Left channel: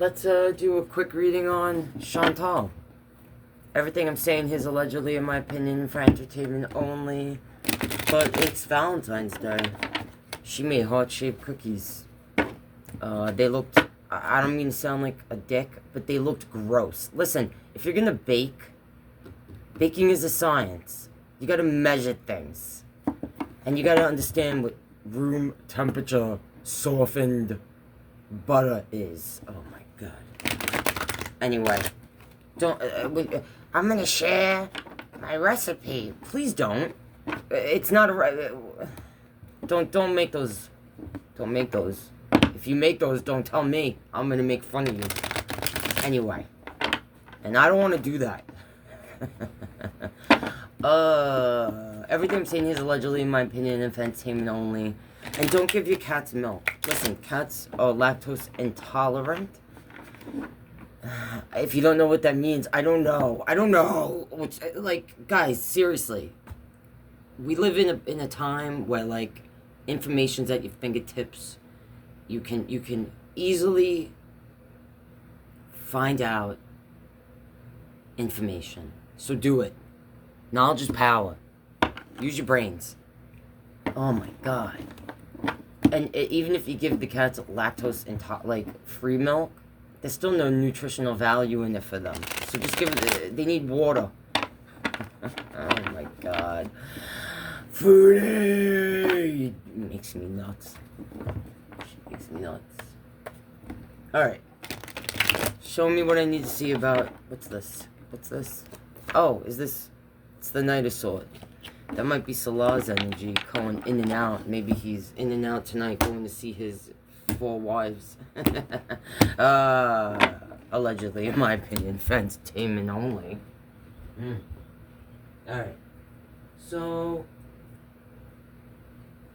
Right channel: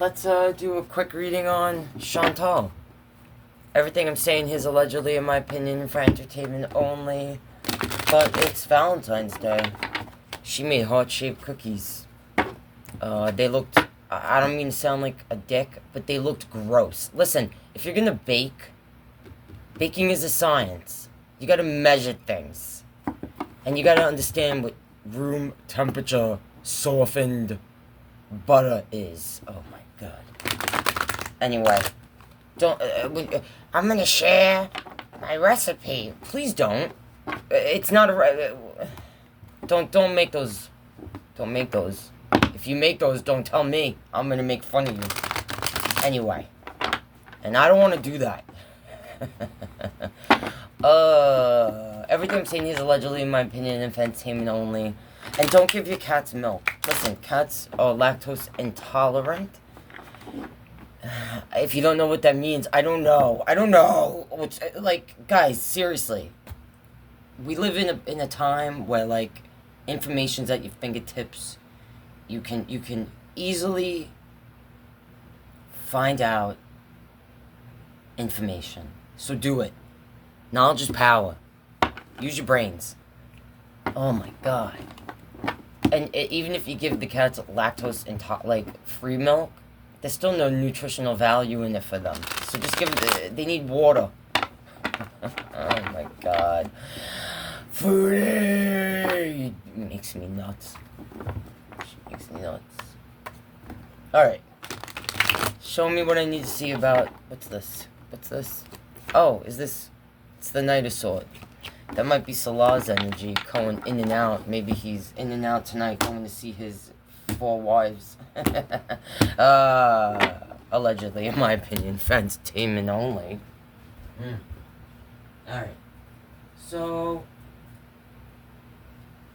let's do a quick reading on Chantal. Everything I'm saying here is allegedly, in my opinion, for entertainment only. But it's Valentine's Day. She made heart-shaped cookies. They looked... I don't mean to sound like a dick, but they looked gross. Listen, if you're gonna bake, baking is a science. You gotta measure things. And you gotta understand what room temperature softened butter is. Oh my god. Anyway, don't... I'm gonna share my recipe. Please don't. It's not a... Don't make those. Don't make those. If you make those, don't tell me. I'm gonna make fun of you. Anyway. And I don't want to do that. Everything I'm saying here is allegedly, in my opinion, entertainment only. And don't give your cats milk. Listen, cats are lactose intolerant. If you don't know what that means, I don't know. It's, like, guys, seriously. We live in a time where, like, information's at your fingertips. You can easily find out information. So do it. Knowledge is power. Use your brains. Oh my god. And even if you give the cats lactose free milk, there's still no nutritional value in it for them. So just give it, they need water. Oh my god. Foodie! It makes me nuts. She makes me nuts. Alright. Show me what I need to see about... What's this? Oh, is this... It's the Knight of Swords. That might be Salah's energy going in and out. Maybe he's in and out tonight going to see his 4 wives. Allegedly, in my opinion, for entertainment only. Alright. So...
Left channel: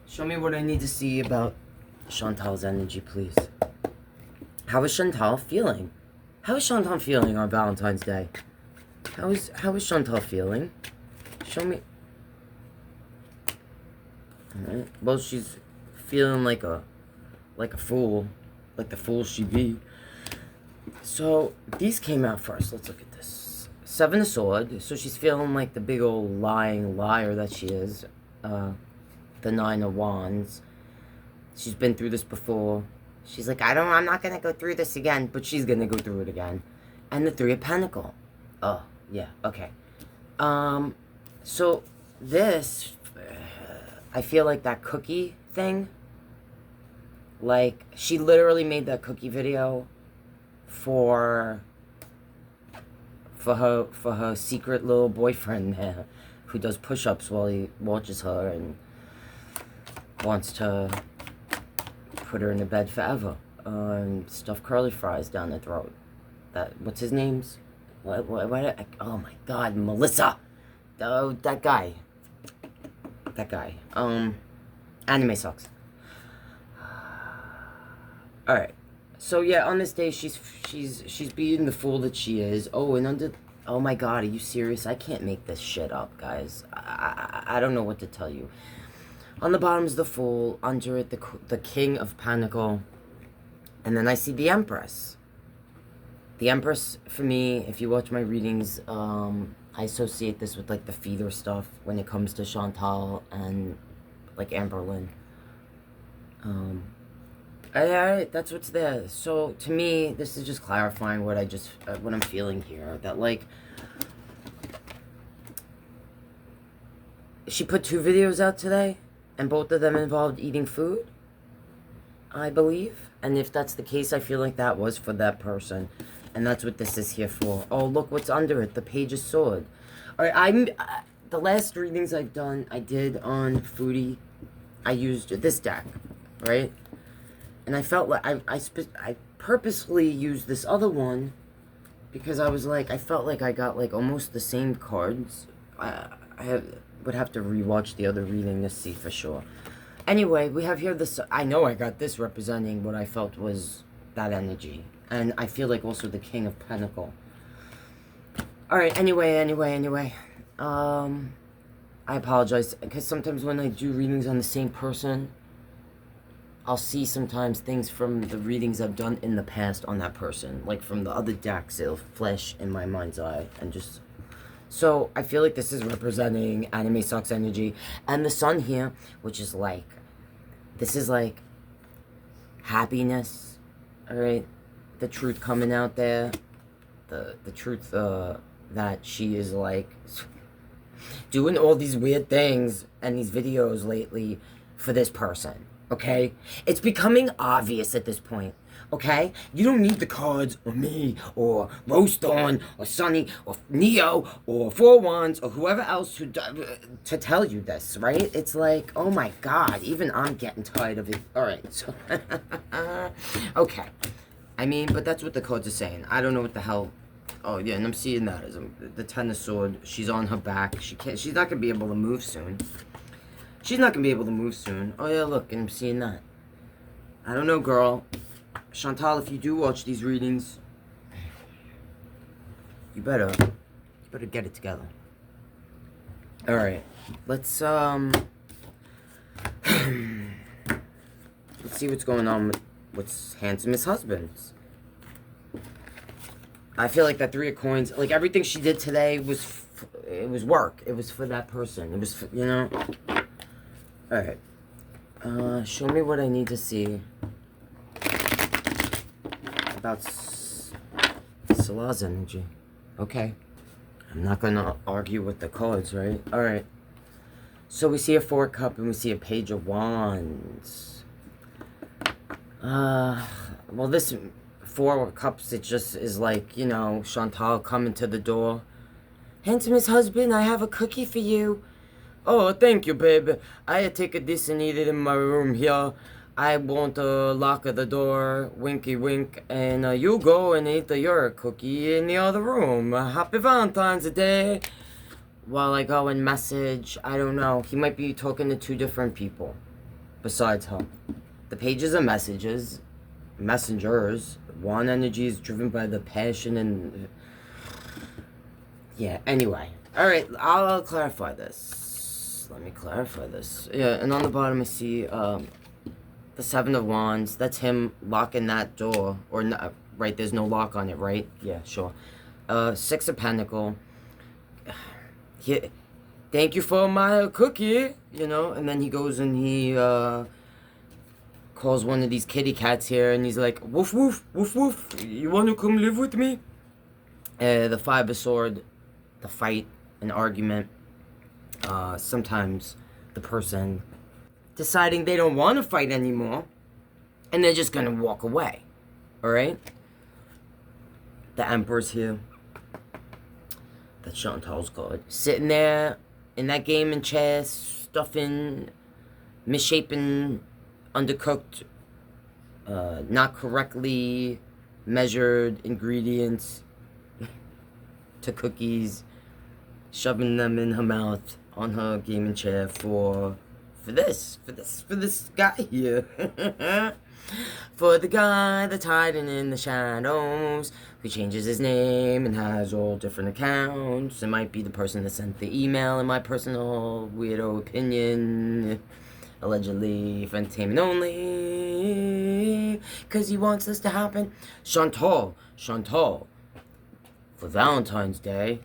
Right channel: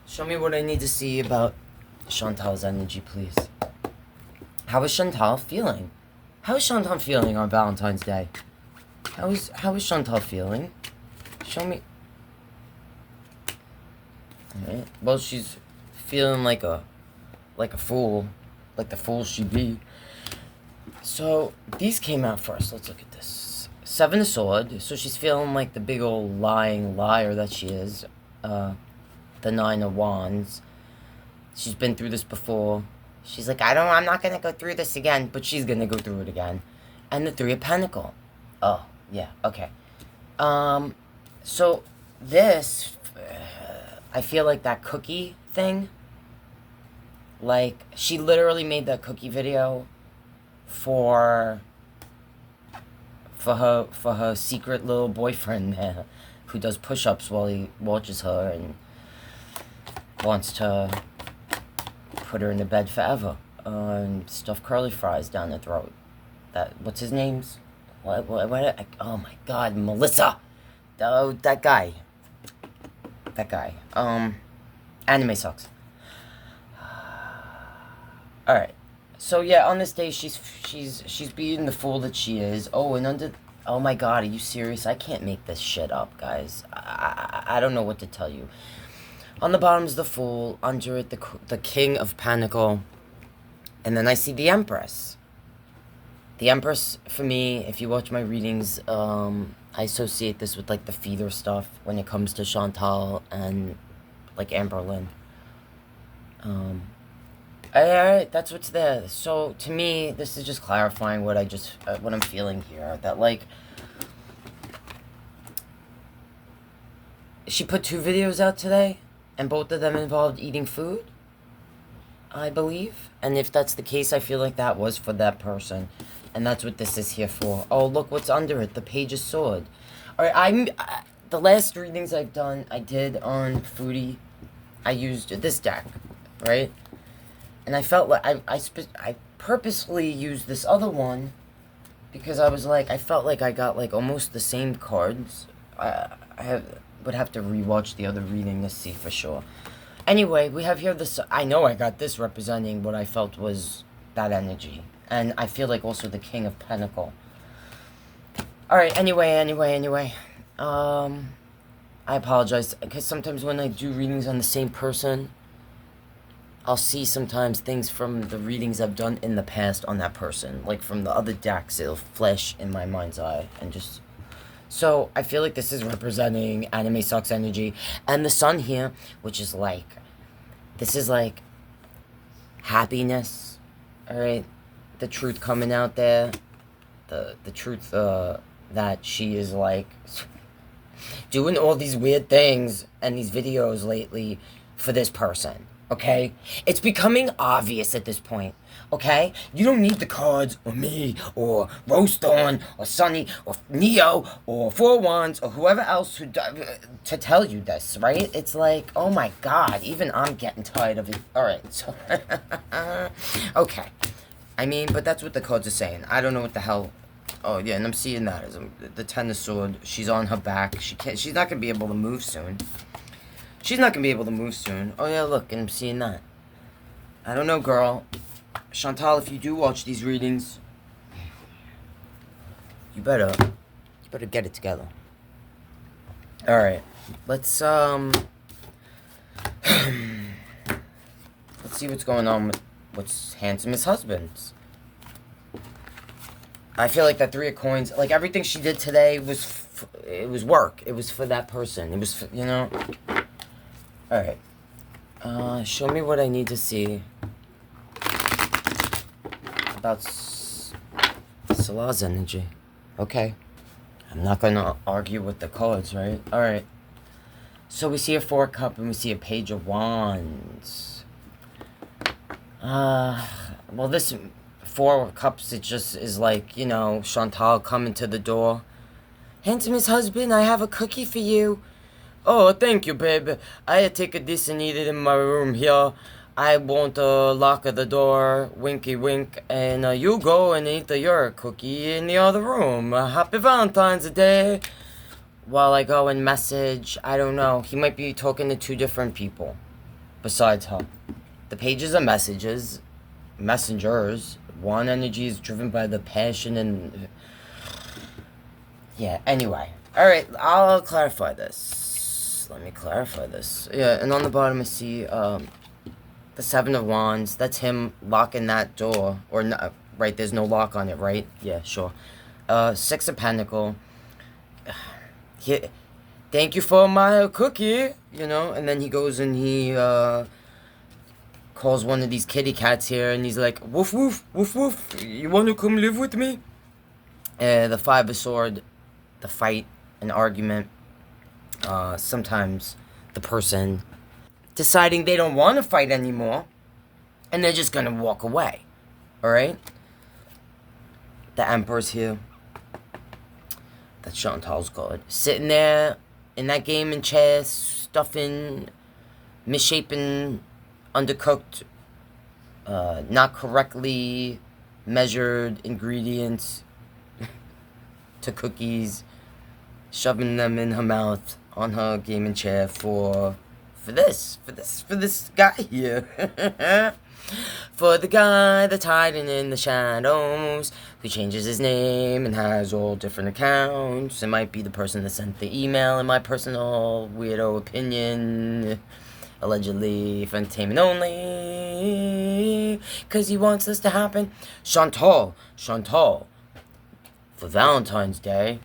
Show me what I need to see about Chantal's energy, please. How is Chantal feeling? How is Chantal feeling on Valentine's Day? How is Chantal feeling? Show me. Alright. Well, she's feeling like a fool. Like the fool she be. So, these came out first. Let's look at this. 7 of Swords. So she's feeling like the big old lying liar that she is. The 9 of Wands. She's been through this before. She's like, I'm not gonna go through this again, but she's gonna go through it again. And the 3 of Pentacles. Oh, yeah, okay. So this, I feel like that cookie thing, like, she literally made that cookie video for her secret little boyfriend there, who does push-ups while he watches her and wants to put her in the bed forever, and stuff curly fries down the throat. What's his name's? What, oh my god, Melissa! That guy. Anime sucks. Alright. So yeah, on this day, she's being the fool that she is. Oh, and oh my god, are you serious? I can't make this shit up, guys. I don't know what to tell you. On the bottom is the Fool, under it the King of Pentacles, and then I see the Empress. The Empress, for me, if you watch my readings, I associate this with, like, the feeder stuff when it comes to Chantal and, like, Amberlynn. Alright, that's what's there. So, to me, this is just clarifying what what I'm feeling here. That, like, she put 2 videos out today, and both of them involved eating food, I believe. And if that's the case, I feel like that was for that person. And that's what this is here for. Oh, look what's under it. The Page of Swords. Alright, the last readings I've done, I did on Foodie. I used this deck, right? And I felt like I purposefully used this other one because I was like, I felt like I got like almost the same cards. Would have to rewatch the other reading to see for sure. Anyway, we have here this... I know I got this representing what I felt was that energy. And I feel like also the King of Pentacles. Alright, anyway. I apologize, because sometimes when I do readings on the same person, I'll see sometimes things from the readings I've done in the past on that person. Like from the other decks, it'll flash in my mind's eye. And just... So, I feel like this is representing anime sucks energy. And the sun here, which is like... This is like... happiness. Alright? The truth coming out there. The truth, that she is like... doing all these weird things and these videos lately for this person. Okay? It's becoming obvious at this point. Okay? You don't need the cards, or me, or Rose Dawn, or Sunny, or Neo, or Four Wands, or whoever else to tell you this, right? It's like, oh my god, even I'm getting tired of it. Alright, so... okay. I mean, but that's what the cards are saying. I don't know what the hell... Oh, yeah, and I'm seeing that as the Ten of Swords. She's on her back. She's not going to be able to move soon. She's not going to be able to move soon. Oh, yeah, look, and I'm seeing that. I don't know, girl. Chantal, if you do watch these readings, you better get it together. Alright. Let's see what's going on with what's handsomest husbands. I feel like that Three of Coins, like everything she did today it was work. It was for that person. It was, you know. Alright. Show me what I need to see about Salah's energy. Okay. I'm not gonna argue with the cards, right? Alright. So we see a Four of Cups and we see a Page of Wands. Well, this Four of Cups, it just is like, you know, Chantal coming to the door. Handsomest husband, I have a cookie for you. Oh, thank you, babe. I take this and eat it in my room here. I won't lock the door, winky wink, and you go and eat your cookie in the other room. Happy Valentine's Day. While I go and message, I don't know. He might be talking to two different people besides her. The pages are messages, messengers. One energy is driven by the passion and... Yeah, anyway. Alright, I'll clarify this. Let me clarify this. Yeah, and on the bottom I see the Seven of Wands. That's him locking that door. Or, not, right, there's no lock on it, right? Yeah, sure. Six of Pentacles. Yeah, thank you for my cookie, you know? And then he goes and he calls one of these kitty cats here, and he's like, woof, woof, woof, woof, you want to come live with me? The Five of Swords, the fight, an argument. Sometimes the person deciding they don't want to fight anymore, and they're just going to walk away, alright? The Emperor's here. That's Chantal's card. Sitting there in that gaming chair, stuffing, misshapen, undercooked, not correctly measured ingredients to cookies, shoving them in her mouth on her gaming chair for this guy here. For the guy that's hiding in the shadows, who changes his name and has all different accounts. It might be the person that sent the email, in my personal weirdo opinion. Allegedly for entertainment only, because he wants this to happen. Chantal, for Valentine's Day,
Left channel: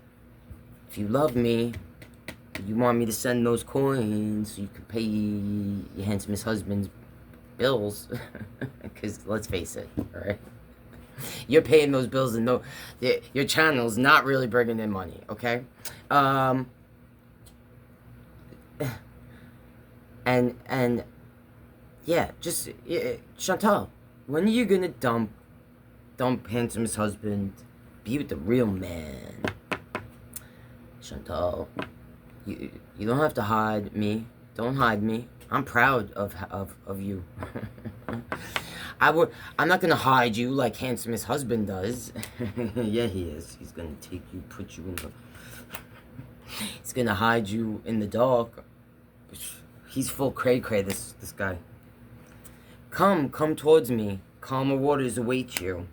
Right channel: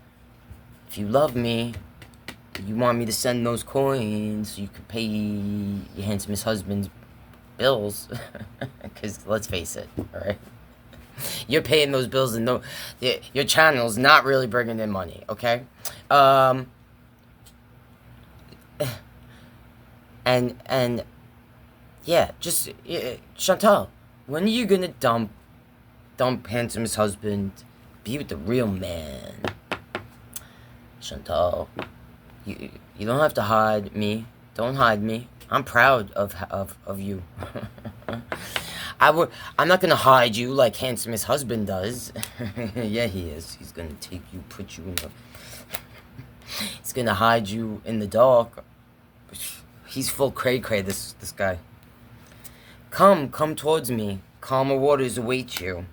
if you love me, you want me to send those coins so you can pay your handsomest husband's bills, because let's face it, alright? You're paying those bills and no, your channel's not really bringing in money, okay? And yeah, just Chantal, when are you gonna dump handsomest husband, be with the real man? Chantal, you don't have to hide me. Don't hide me. I'm proud of you. I'm not gonna hide you like handsomest husband does. Yeah, he is. He's gonna take you, put you in the... He's gonna hide you in the dark. He's full cray-cray, this guy. Come towards me. Calmer waters await you.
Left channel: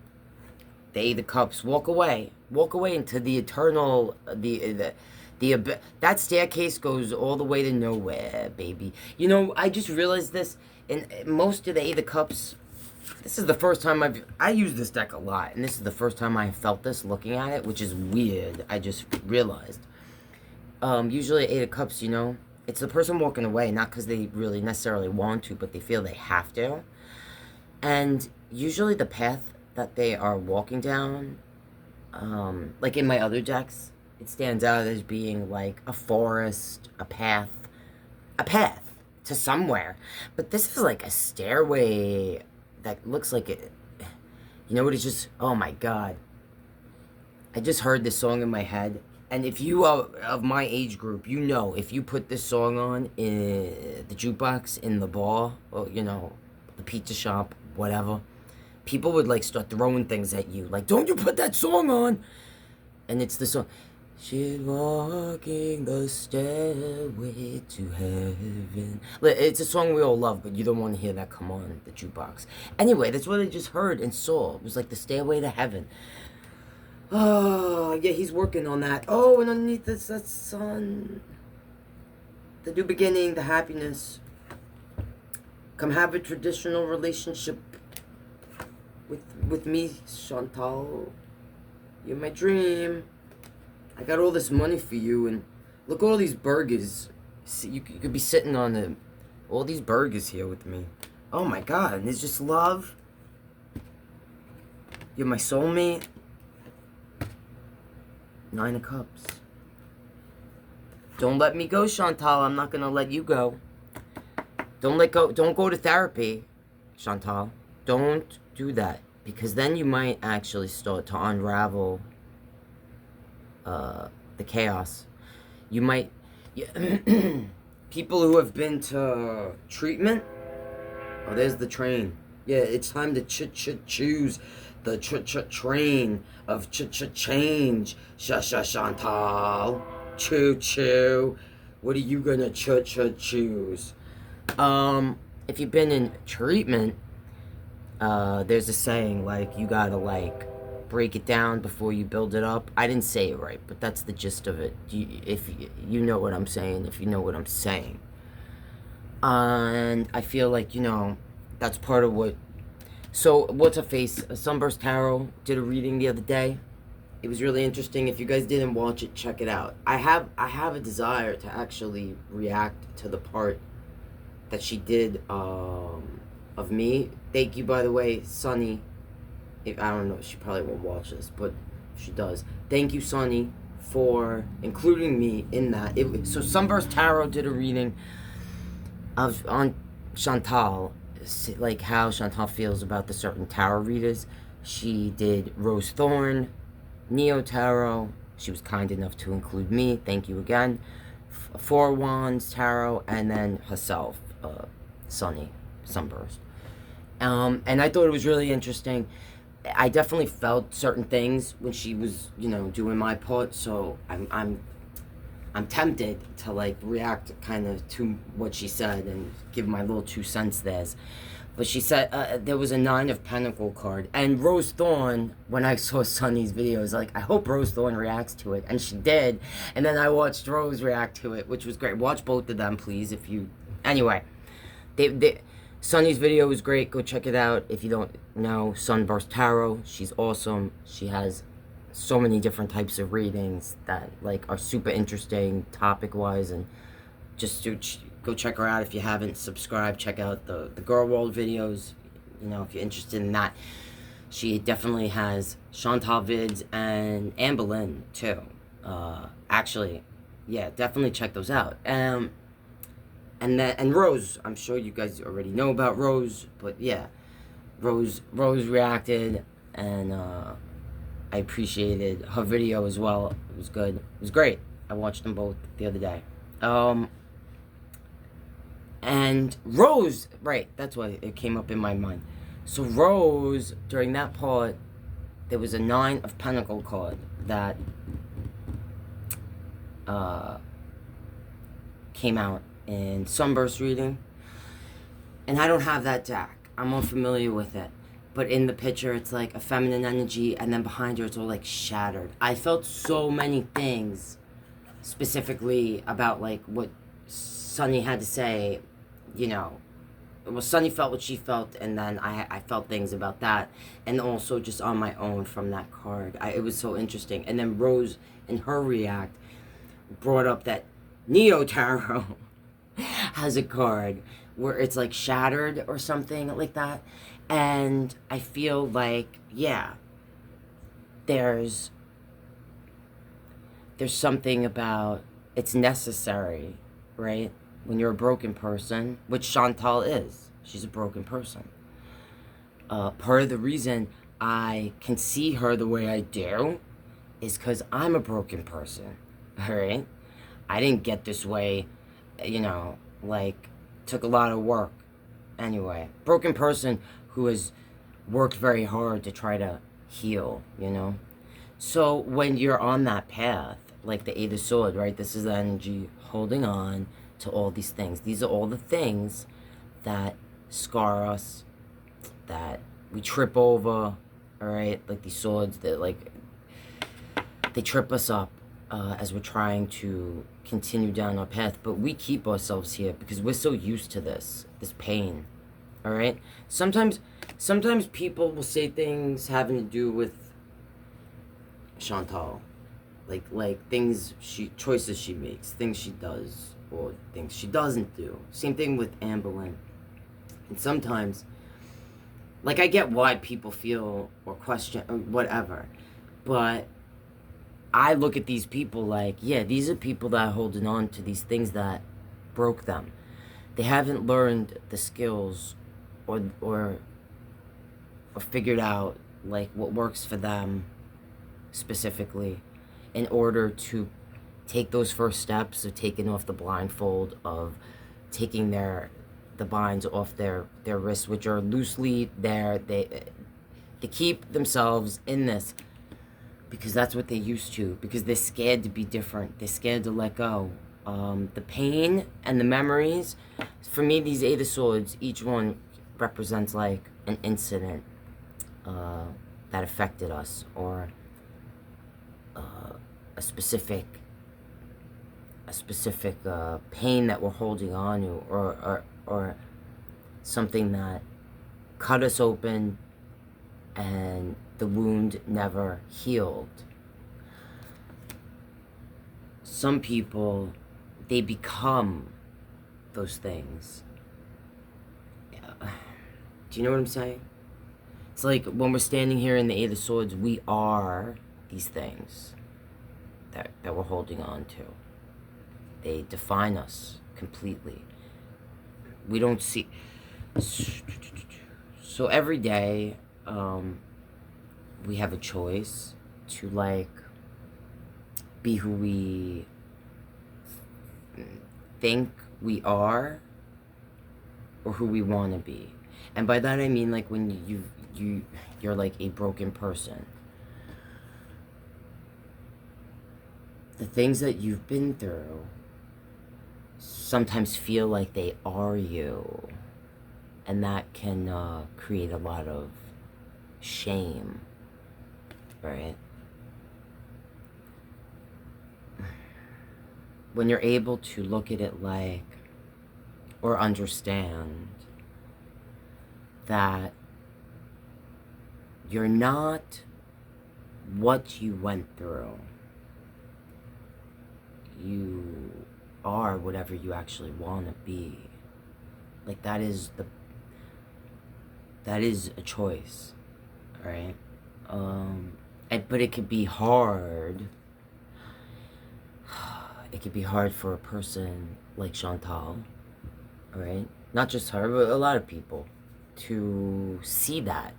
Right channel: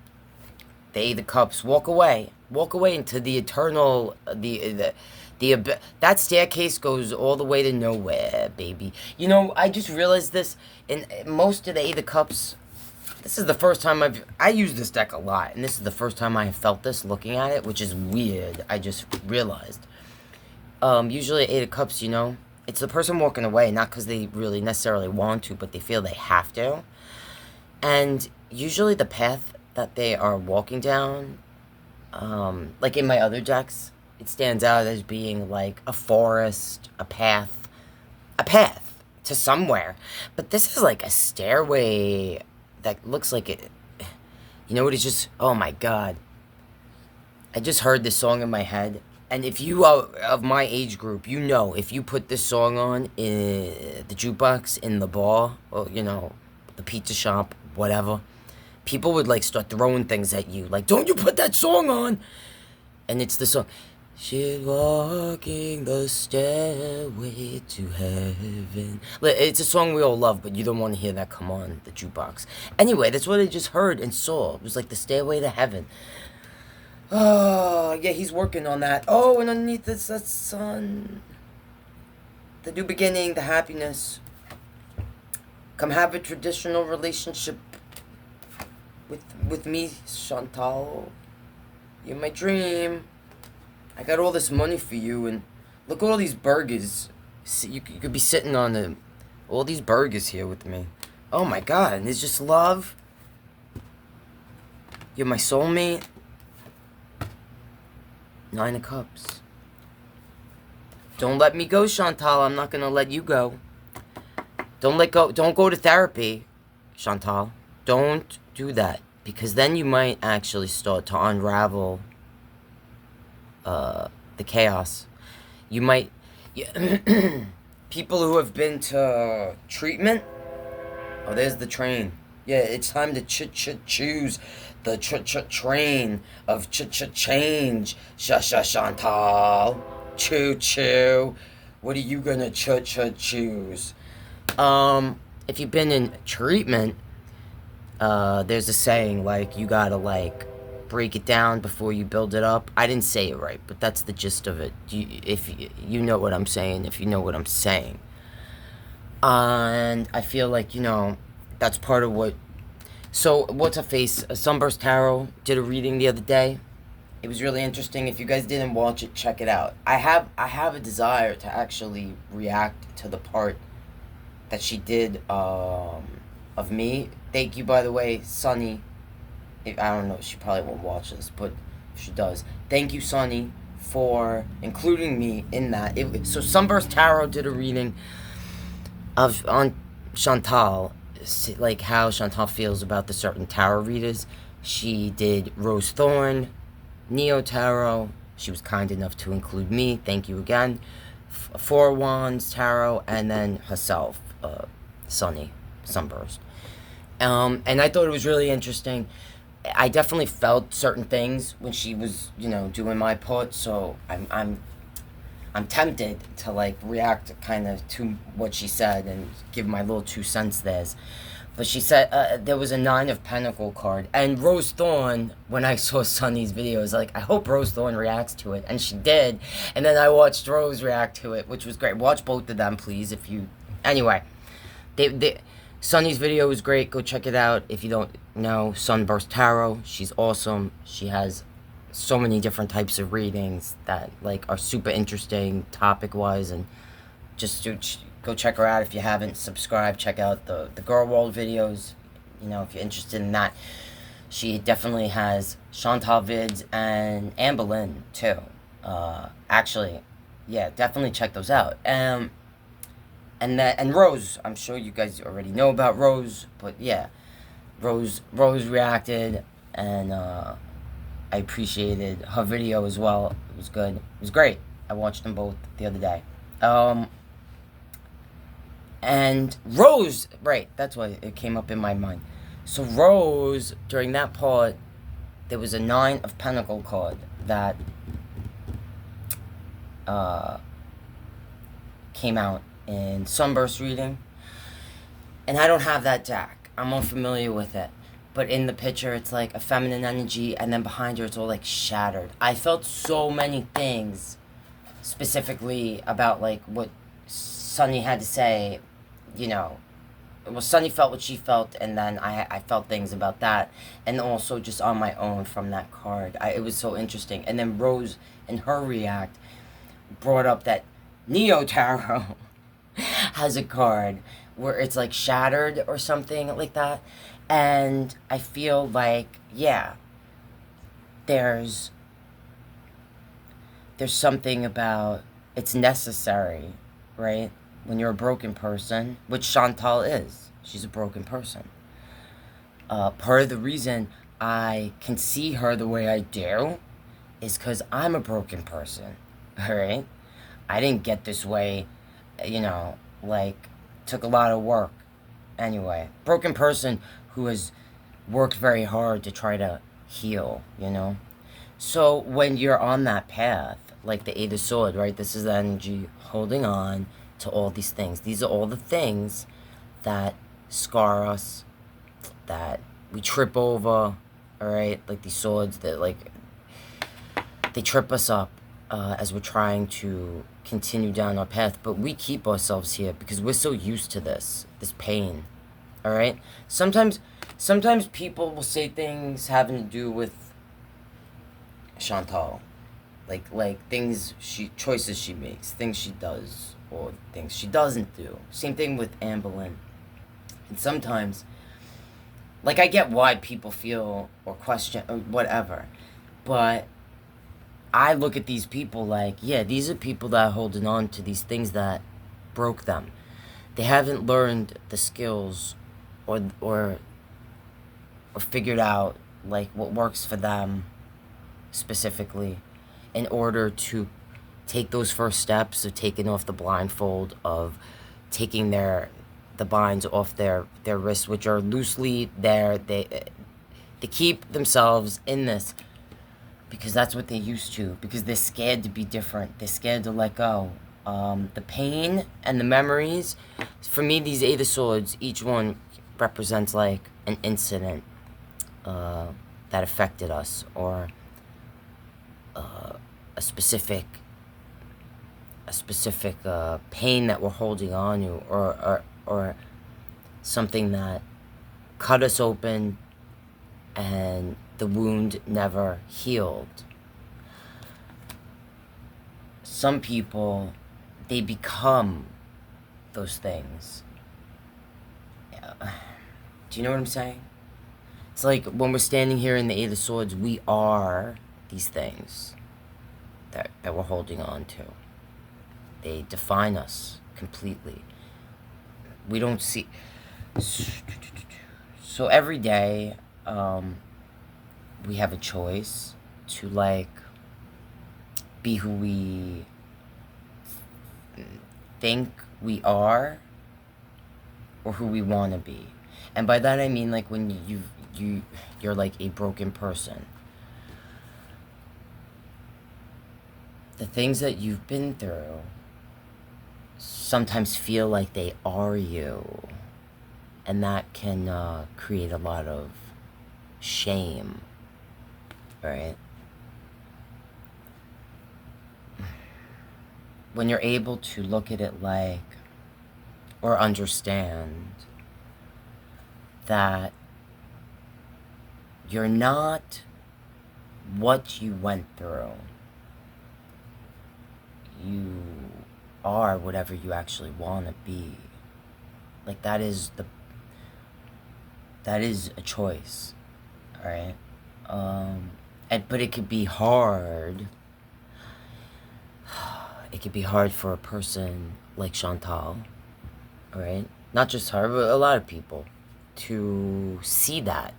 The Eight of Cups. Walk away into the eternal, the That staircase goes all the way to nowhere, baby. You know, I just realized this in most of the Eight of Cups. This is the first time I use this deck a lot, and this is the first time I felt this looking at it, which is weird. I just realized. Usually Eight of Cups, you know, it's the person walking away, not because they really necessarily want to, but they feel they have to. And usually the path that they are walking down, like in my other decks, it stands out as being like a forest, a path to somewhere. But this is like a stairway that looks like it. You know what? It's just, oh my God. I just heard this song in my head. And if you are of my age group, you know, if you put this song on in the jukebox, in the bar, or, you know, the pizza shop, whatever, people would, like, start throwing things at you. Like, don't you put that song on! And it's the song. She's walking the stairway to heaven. It's a song we all love, but you don't want to hear that come on the jukebox. Anyway, that's what I just heard and saw. It was like the stairway to heaven. Oh, yeah, he's working on that. Oh, and underneath this, that sun. The new beginning, the happiness. Come have a traditional relationship with me, Chantal. You're my dream. I got all this money for you, and look at all these burgers. You could be sitting on all these burgers here with me. Oh my God, and there's just love. You're my soulmate. Nine of Cups. Don't let me go, Chantal. I'm not gonna let you go. Don't go to therapy, Chantal. Don't do that, because then you might actually start to unravel the chaos. You might... people who have been to treatment... Oh, there's the train. Yeah, it's time to choose the train of change. Chantal. Choo-choo. What are you gonna choose? If you've been in treatment, there's a saying, like, you gotta, like, break it down before you build it up. I didn't say it right, but that's the gist of it. If you know what I'm saying, if you know what I'm saying. And I feel like, you know, that's part of what... So, what's a face? Sunburst Tarot did a reading the other day. It was really interesting. If you guys didn't watch it, check it out. I have a desire to actually react to the part that she did of me. Thank you, by the way, Sunny. I don't know, she probably won't watch this, but if she does, thank you, Sunny, for including me in that. So Sunburst Tarot did a reading on Chantal, like how Chantal feels about the certain tarot readers. She did Rose Thorn, Neo Tarot. She was kind enough to include me. Thank you again. Four Wands Tarot, and then herself, Sunny, Sunburst. And I thought it was really interesting. I definitely felt certain things when she was, you know, doing my part. So I'm tempted to, like, react kind of to what she said and give my little 2 cents there. But she said there was a 9 of Pentacle card, and Rose Thorn. When I saw Sunny's video, I was like, I hope Rose Thorn reacts to it, and she did. And then I watched Rose react to it, which was great. Watch both of them, please, if you. Anyway, Sunny's video was great. Go check it out if you don't know. Sunburst Tarot. She's awesome. She has so many different types of readings that, like, are super interesting topic-wise, and just go check her out if you haven't. Subscribe. Check out the Girl World videos. You know, if you're interested in that. She definitely has Chantal vids and Anne Boleyn too. Actually, yeah, definitely check those out. And Rose, I'm sure you guys already know about Rose, but yeah, Rose reacted, and I appreciated her video as well. It was good. It was great. I watched them both the other day. And Rose, right, that's what it came up in my mind. So Rose, during that part, there was a 9 of Pentacle card that came out in Sunburst reading, and I don't have that deck. I'm unfamiliar with it, but in the picture it's like a feminine energy, and then behind her it's all like shattered. I felt so many things specifically about like what Sunny had to say, you know. Well, Sunny felt what she felt, and then I felt things about that, and also just on my own from that card. It was so interesting. And then Rose, in her react, brought up that Neo Tarot has a card where it's like shattered or something like that. And I feel like, yeah, there's something about it's necessary, right? When you're a broken person, which Chantal is. She's a broken person. Part of the reason I can see her the way I do is because I'm a broken person, all right? I didn't get this way, you know, like, took a lot of work. Anyway, broken person who has worked very hard to try to heal, you know? So when you're on that path, like the Eight of Swords, right? This is the energy holding on to all these things. These are all the things that scar us, that we trip over, all right? Like these swords that, like, they trip us up as we're trying to continue down our path. But we keep ourselves here because we're so used to this pain, all right? Sometimes people will say things having to do with Chantal. Like things choices she makes, things she does, or things she doesn't do. Same thing with Anne Boleyn. And sometimes, like, I get why people feel or question or whatever, but I look at these people like, yeah, these are people that are holding on to these things that broke them. They haven't learned the skills or figured out, like, what works for them specifically in order to take those first steps of taking off the blindfold, of taking the binds off their wrists, which are loosely there. They keep themselves in this because that's what they're used to, because they're scared to be different. They're scared to let go. The pain and the memories, for me, these Eight of Swords, each one represents like an incident that affected us, or a specific pain that we're holding on to, or something that cut us open and the wound never healed. Some people, they become those things. Do you know what I'm saying? It's like when we're standing here in the Eight of Swords, we are these things that we're holding on to. They define us completely. We don't see. So every day, we have a choice to, like, be who we think we are, or who we want to be. And by that I mean, like, when you're like a broken person, the things that you've been through sometimes feel like they are you, and that can create a lot of shame, right? When you're able to look at it like, or understand that you're not what you went through, you are whatever you actually want to be. Like, that is a choice, right? But it could be hard. It could be hard for a person like Chantal, right? Not just her, but a lot of people, to see that,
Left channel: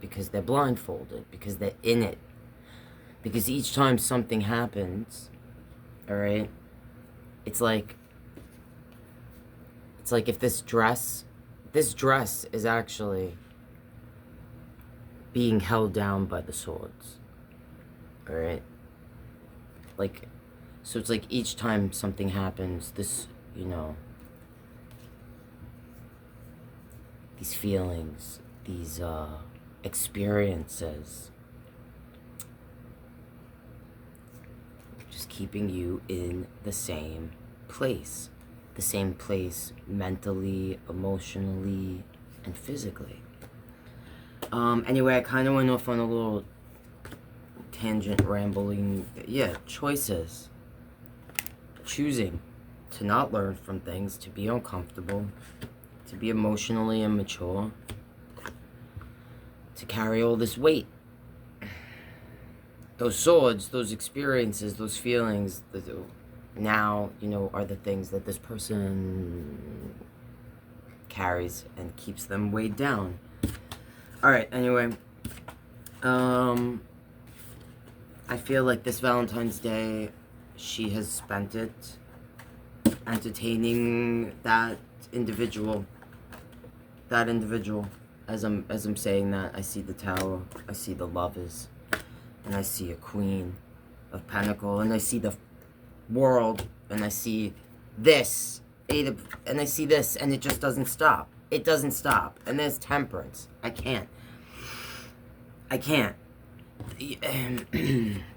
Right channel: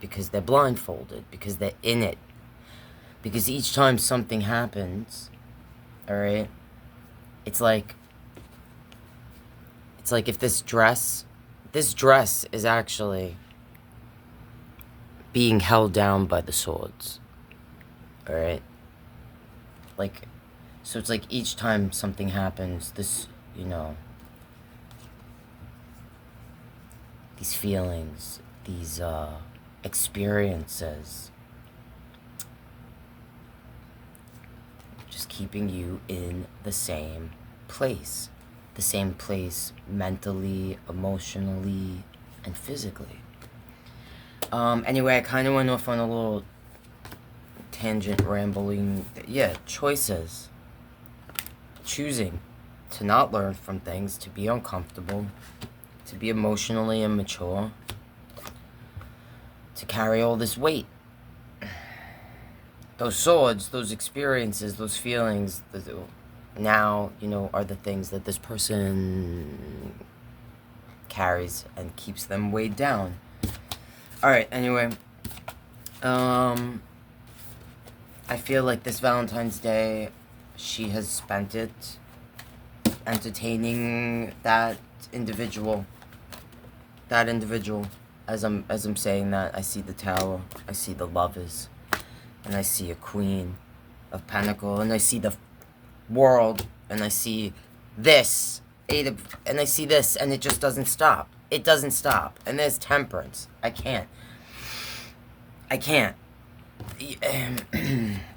because they're blindfolded, because they're in it. Because each time something happens, all right, it's like if this dress is actually being held down by the swords, all right? Like, so it's like each time something happens, this, you know, these feelings, these experiences, just keeping you in the same place. The same place mentally, emotionally, and physically. Anyway, I kind of went off on a little tangent rambling. Yeah, choices. Choosing to not learn from things, to be uncomfortable, to be emotionally immature, to carry all this weight. Those swords, those experiences, those feelings, now, you know, are the things that this person carries and keeps them weighed down. Alright, anyway. I feel like this Valentine's Day, she has spent it entertaining that individual. That individual. As I'm saying that, I see the Tower, I see the Lovers, and I see a Queen of Pentacles, and I see the World, and I see this, and I see this, and it just doesn't stop. It doesn't stop. And there's Temperance. I can't.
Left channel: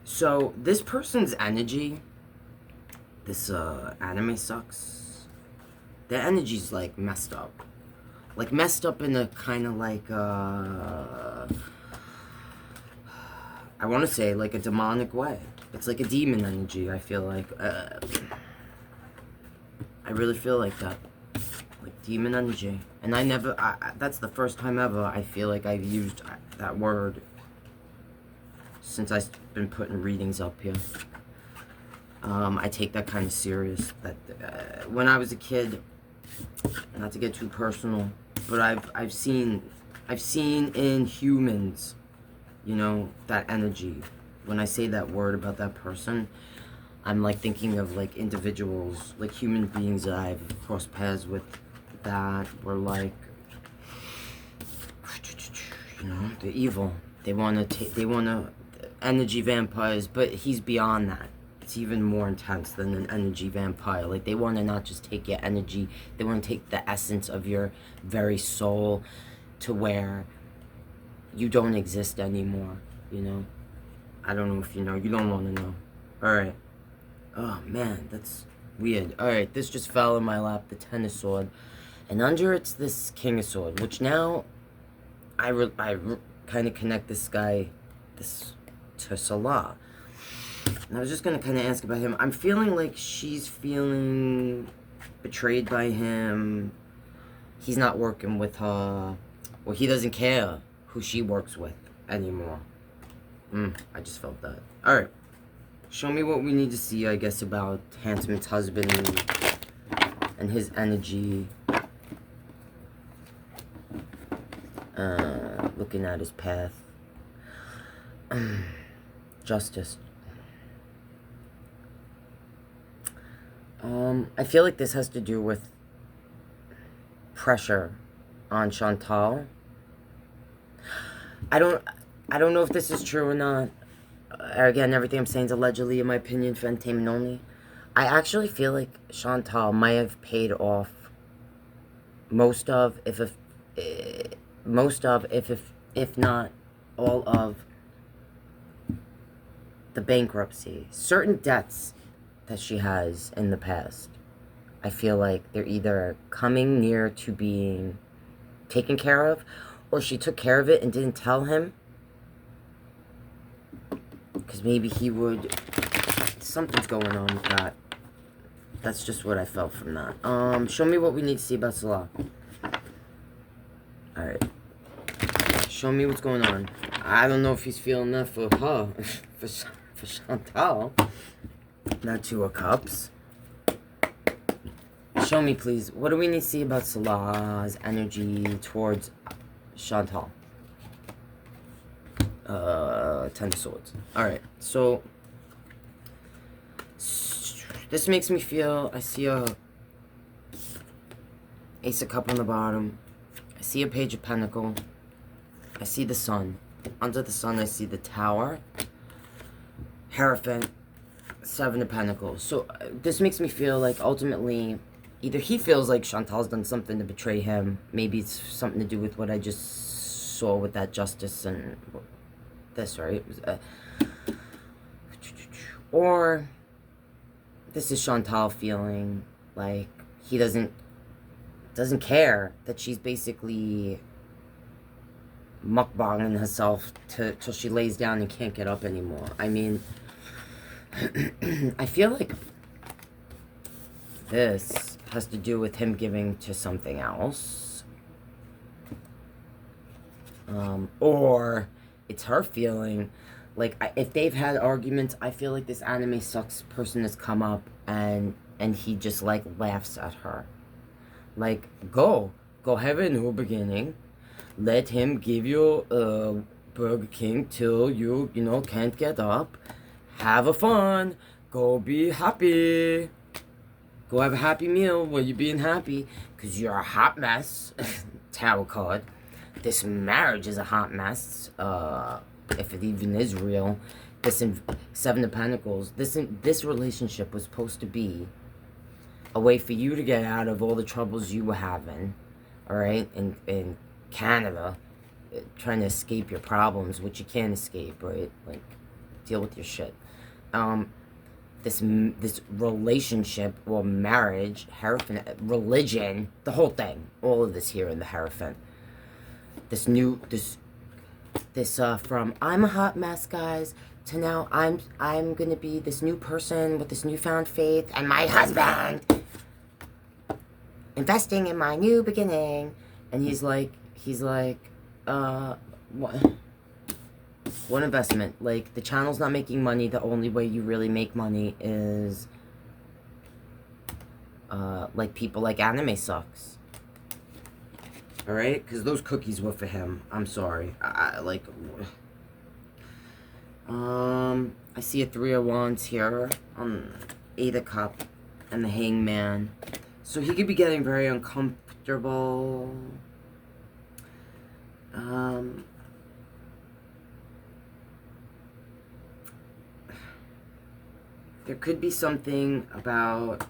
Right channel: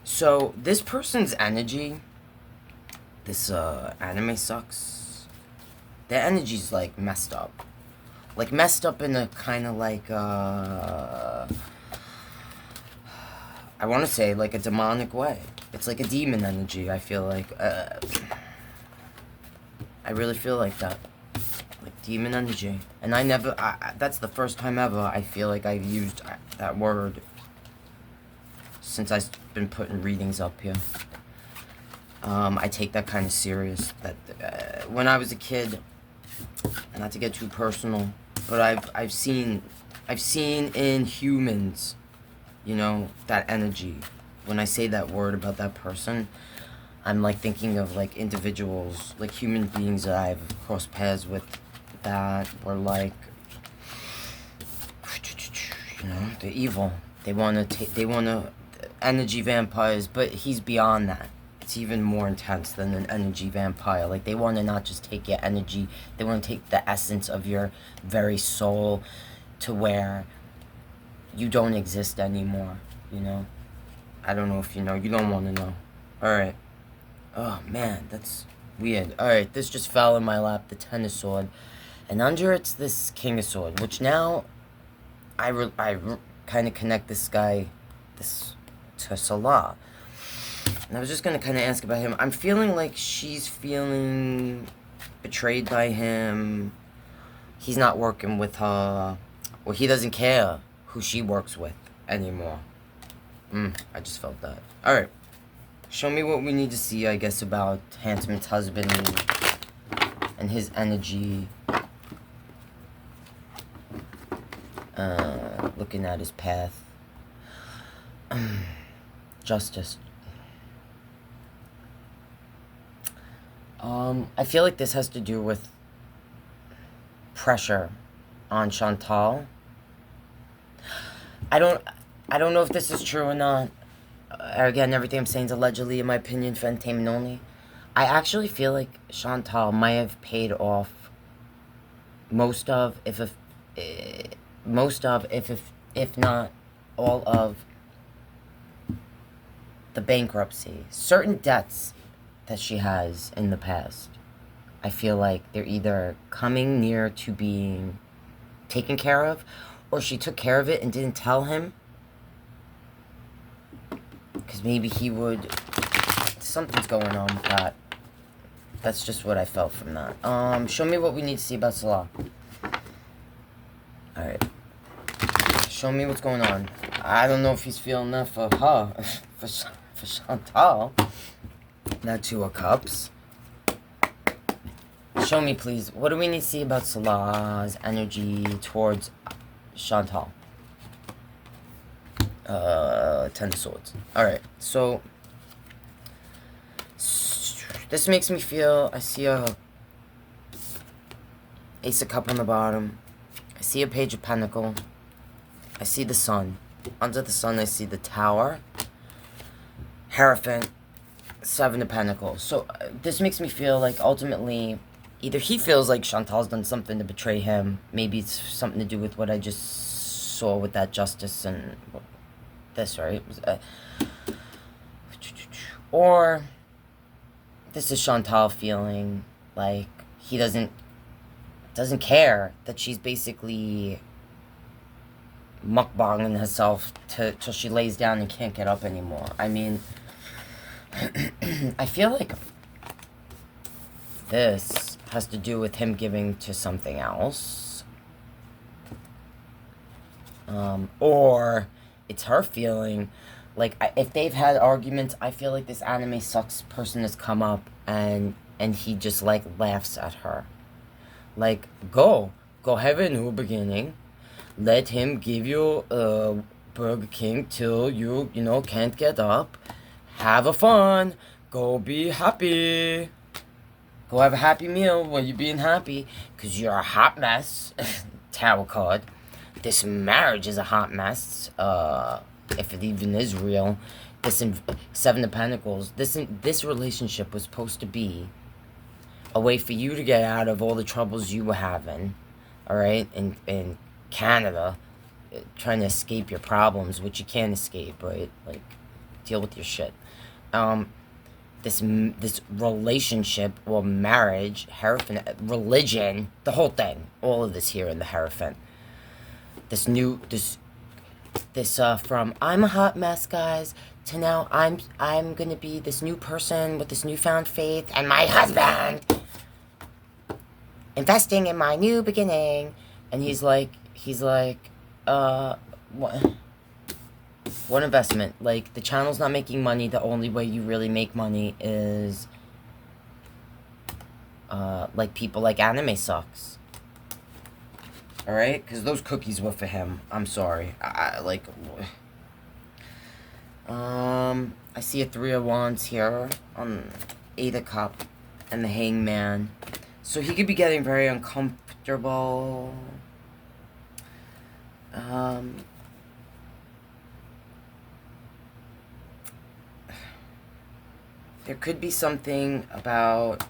So, this person's energy, this anime sucks. Their energy's like messed up. Like messed up in a kind of like, I want to say like a demonic way. It's like a demon energy, I feel like. I really feel like that. Like demon energy. And that's the first time ever I feel like I've used that word since I've been putting readings up here. I take that kind of serious. That when I was a kid, not to get too personal, but I've seen in humans, you know, that energy. When I say that word about that person, I'm like thinking of like individuals, like human beings that I've crossed paths with that were like, you know, they're evil. They want to energy vampires, but he's beyond that. It's even more intense than an energy vampire. Like they want to not just take your energy, they want to take the essence of your very soul to where you don't exist anymore, you know? I don't know if you know. You don't want to know. Alright. Oh, man, that's weird. Alright, this just fell in my lap, the Ten of Swords. And under it's this King of Swords, which now I kind of connect this guy to Salah. And I was just going to kind of ask about him. I'm feeling like she's feeling betrayed by him. He's not working with her. Or he doesn't care who she works with anymore. I just felt that. Alright. Show me what we need to see, I guess, about Handmaid's husband and his energy. Looking at his path. Justice. I feel like this has to do with pressure on Chantal. I don't know if this is true or not. Again, everything I'm saying is allegedly, in my opinion, for entertainment only. I actually feel like Chantal might have paid off most of, if not all of, the bankruptcy. Certain debts that she has in the past. I feel like they're either coming near to being taken care of, or she took care of it and didn't tell him. Because maybe he would... Something's going on with that. That's just what I felt from that. Show me what we need to see about Salah. Alright. Show me what's going on. I don't know if he's feeling that for her. for Chantal. Now Two of Cups. Show me, please. What do we need to see about Salah's energy towards Chantal? Ten of Swords. Alright, so this makes me feel, I see a Ace of Cup on the bottom. I see a Page of Pentacle. I see the Sun. Under the Sun, I see the Tower. Hierophant. Seven of Pentacles. So this makes me feel like ultimately either he feels like Chantal's done something to betray him. Maybe it's something to do with what I just saw with that Justice and this, right? Or This is Chantal feeling like he doesn't care that she's basically mukbanging herself till she lays down and can't get up anymore. I mean, I feel like this has to do with him giving to something else. Or it's her feeling like, if they've had arguments, I feel like this anime sucks person has come up and he just like laughs at her. Like, go have a new beginning. Let him give you Burger King till you can't get up. Have a fun. Go be happy. Go have a happy meal while you're being happy. Because you're a hot mess. Tarot card. This marriage is a hot mess. If it even is real. This Seven of Pentacles. This relationship was supposed to be a way for you to get out of all the troubles you were having. Alright? In Canada. Trying to escape your problems, which you can't escape, right? Like, deal with your shit. This relationship or marriage, Hierophant, religion, the whole thing, all of this here in the Hierophant. This from I'm a hot mess, guys, to now I'm gonna be this new person with this newfound faith and my husband investing in my new beginning. And he's like, what investment? Like, the channel's not making money. The only way you really make money is, like, people like anime sucks. Alright? Because those cookies were for him. I'm sorry. I see a 3 of Wands here on 8 of Cup and the Hangman. So he could be getting very uncomfortable. There could be something about...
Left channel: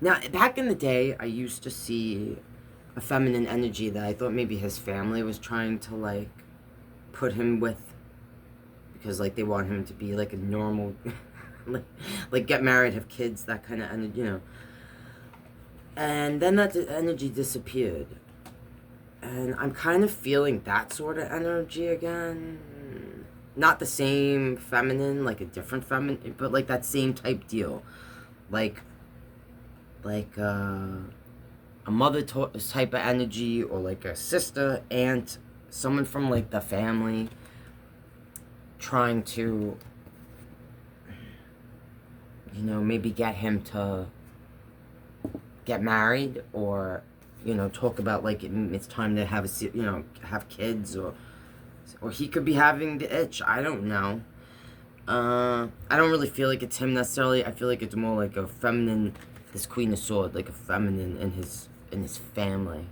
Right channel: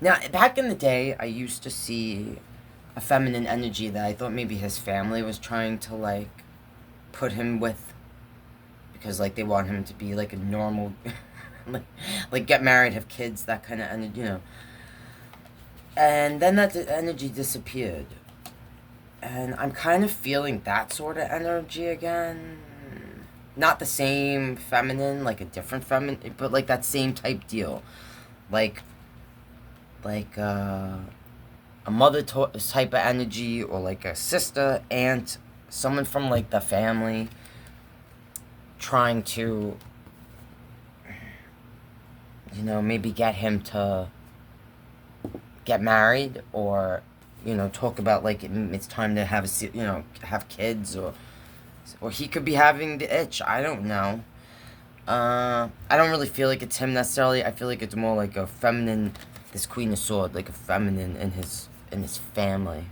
Now, back in the day, I used to see a feminine energy that I thought maybe his family was trying to, like, put him with. Because, like, they want him to be, like, a normal... like, get married, have kids, that kind of energy, you know. And then that energy disappeared. And I'm kind of feeling that sort of energy again. Not the same feminine, like a different feminine, but like that same type deal. Like a mother type of energy, or like a sister, aunt, someone from like the family trying to, you know, maybe get him to get married, or, you know, talk about like it's time to have have kids, or he could be having the itch. I don't know. I don't really feel like it's him necessarily. I feel like it's more like a feminine, this Queen of Swords, like a feminine in his family.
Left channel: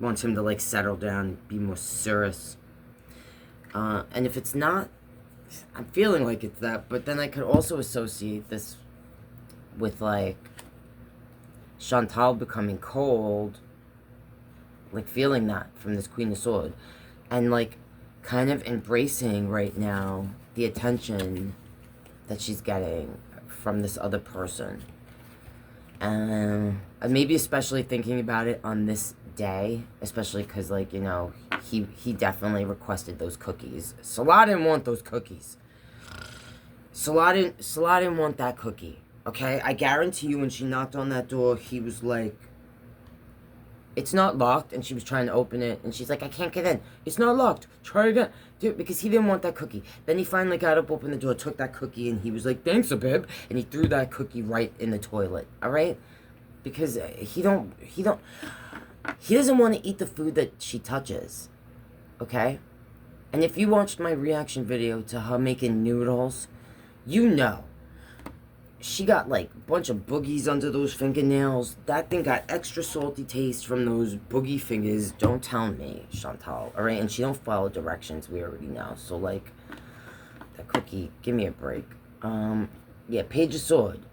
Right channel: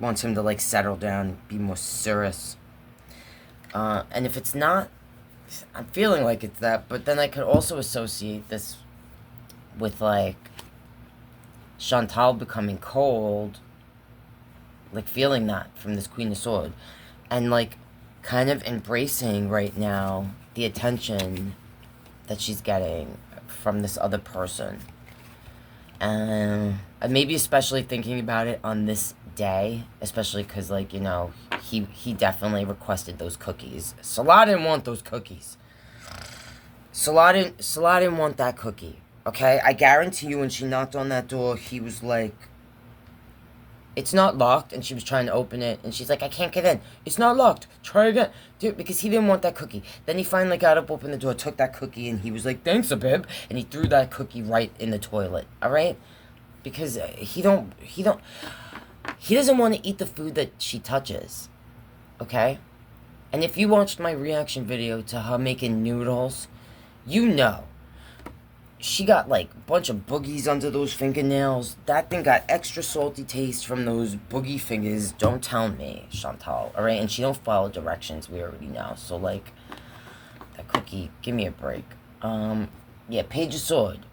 Wants him to like settle down, be more serious. And if it's not, I'm feeling like it's that, but then I could also associate this with like Chantal becoming cold, like feeling that from this Queen of Swords, and like kind of embracing right now the attention that she's getting from this other person. And maybe especially thinking about it on this day, especially because, like, you know, he definitely requested those cookies. Salah didn't want those cookies. Salah didn't want that cookie. Okay, I guarantee you when she knocked on that door, he was like, it's not locked, and she was trying to open it, and she's like, I can't get in. It's not locked. Try again. Dude, because he didn't want that cookie. Then he finally got up, opened the door, took that cookie, and he was like, thanks, Abib, and he threw that cookie right in the toilet, alright? Because he doesn't want to eat the food that she touches, okay? And if you watched my reaction video to her making noodles, you know. She got, like, a bunch of boogies under those fingernails. That thing got extra salty taste from those boogie fingers. Don't tell me, Chantal, alright? And she don't follow directions, we already know. So, like, that cookie, give me a break. Yeah, Page of Sword.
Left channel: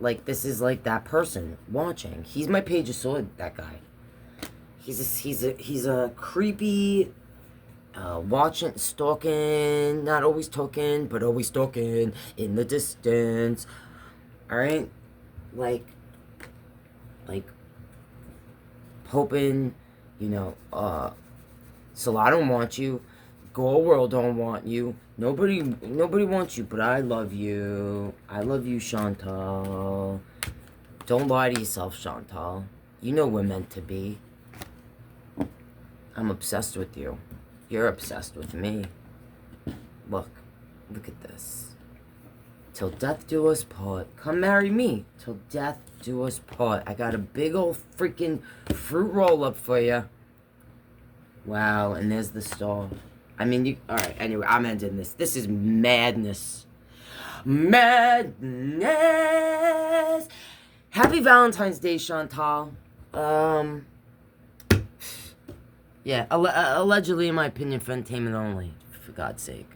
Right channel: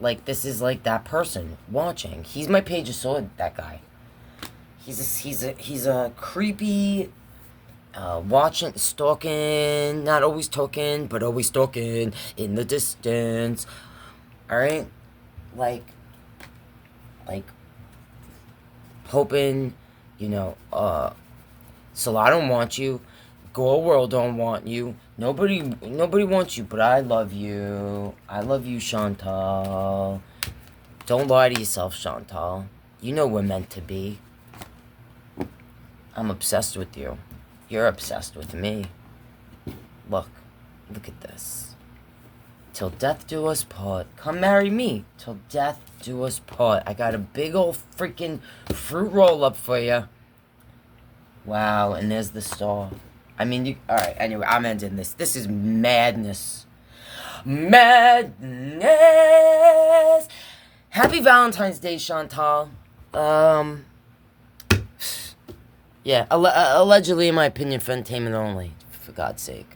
Like, this is, like, that person watching. He's my Page of Sword, that guy. He's a creepy, watching, stalking, not always talking, but always stalking in the distance. Alright? Like, hoping, Salah don't want you. Go World don't want you. Nobody wants you, but I love you. I love you, Chantal. Don't lie to yourself, Chantal. You know we're meant to be. I'm obsessed with you. You're obsessed with me. Look at this. Till death do us part. Come marry me. Till death do us part. I got a big old freaking fruit roll up for you. Wow, and there's the star. I mean, alright, anyway, I'm ending this. This is madness. Madness! Happy Valentine's Day, Chantal. Yeah, allegedly, in my opinion, for entertainment only. For God's sake.